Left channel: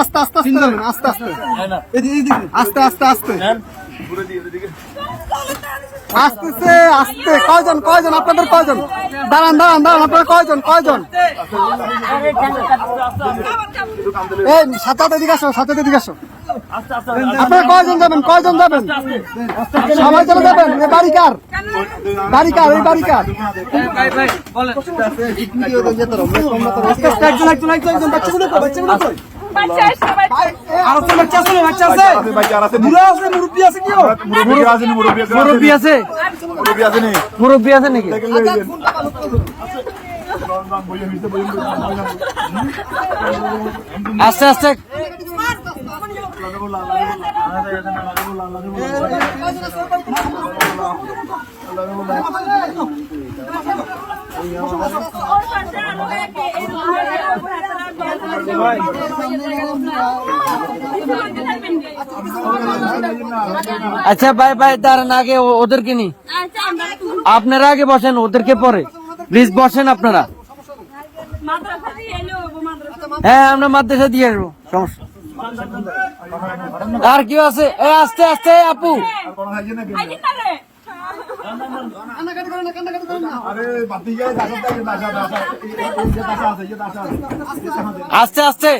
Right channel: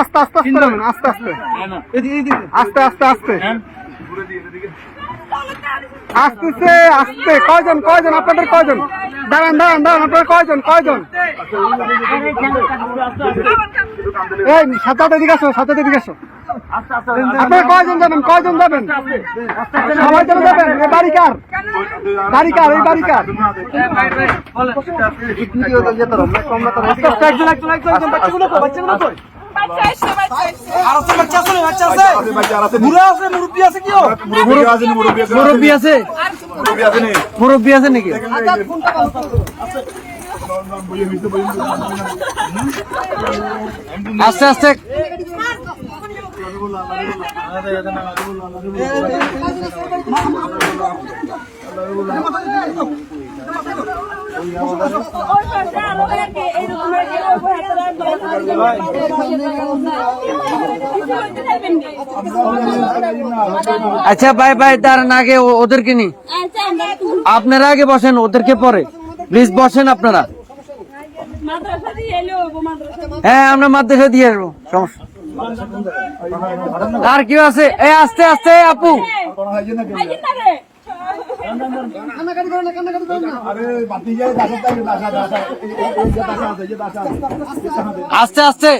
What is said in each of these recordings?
আস্তে আস্তে আস্তে আস্তে নামেন, আস্তে আস্তে আস্তে আস্তে আস্তে আস্তে আস্তে। কয়জন কয়জন আপনাদের কয়জন? দাঁড়ান দাঁড়ান দাঁড়ান, আপনারা কয়জন কয়জন? এই সাথে দিকে আসো, সাথে দিকে আসো। আপনারা কয়জন যাবেন, কয়জন যাবেন? সবাই চলে যাবেন? এই বাড়ি কার? বাড়ি কার? এই বাড়ি কার? মুরব্বী আছে, মুরব্বী আছে নাকি? আস্তে আস্তে আচ্ছা ভাই ভাই দাঁড়ান, আগে ওদেরকে নি, আপনারা আগে বসেন, ওদেরকে পরে প্লিজ বসেন আপনারা। হ্যাঁ আমরা মাদ্রাসা দিয়ে আসবো, সমস্যা। আর কি আছে? এই আস্তে আস্তে আপু, আস্তে আস্তে।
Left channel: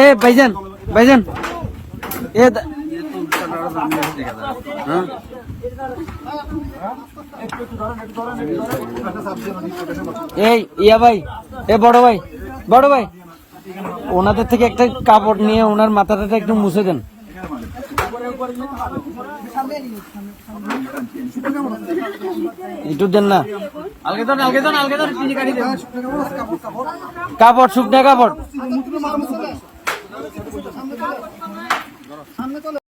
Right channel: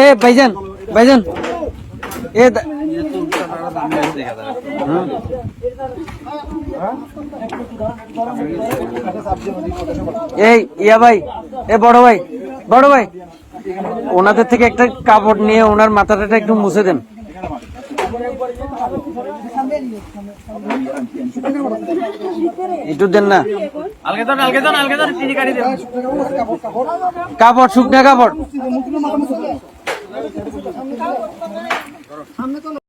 এ ভাইজান ভাইজান, এই ইয়া ভাই, এ বড় ভাই, বড় ভাই, ওনাদের থেকে একটা কাপড় নিয়ে ওনার মাথাটা একটু মুছে দেন। একটু দেন না, কাপড়, শুকনা কাপড়।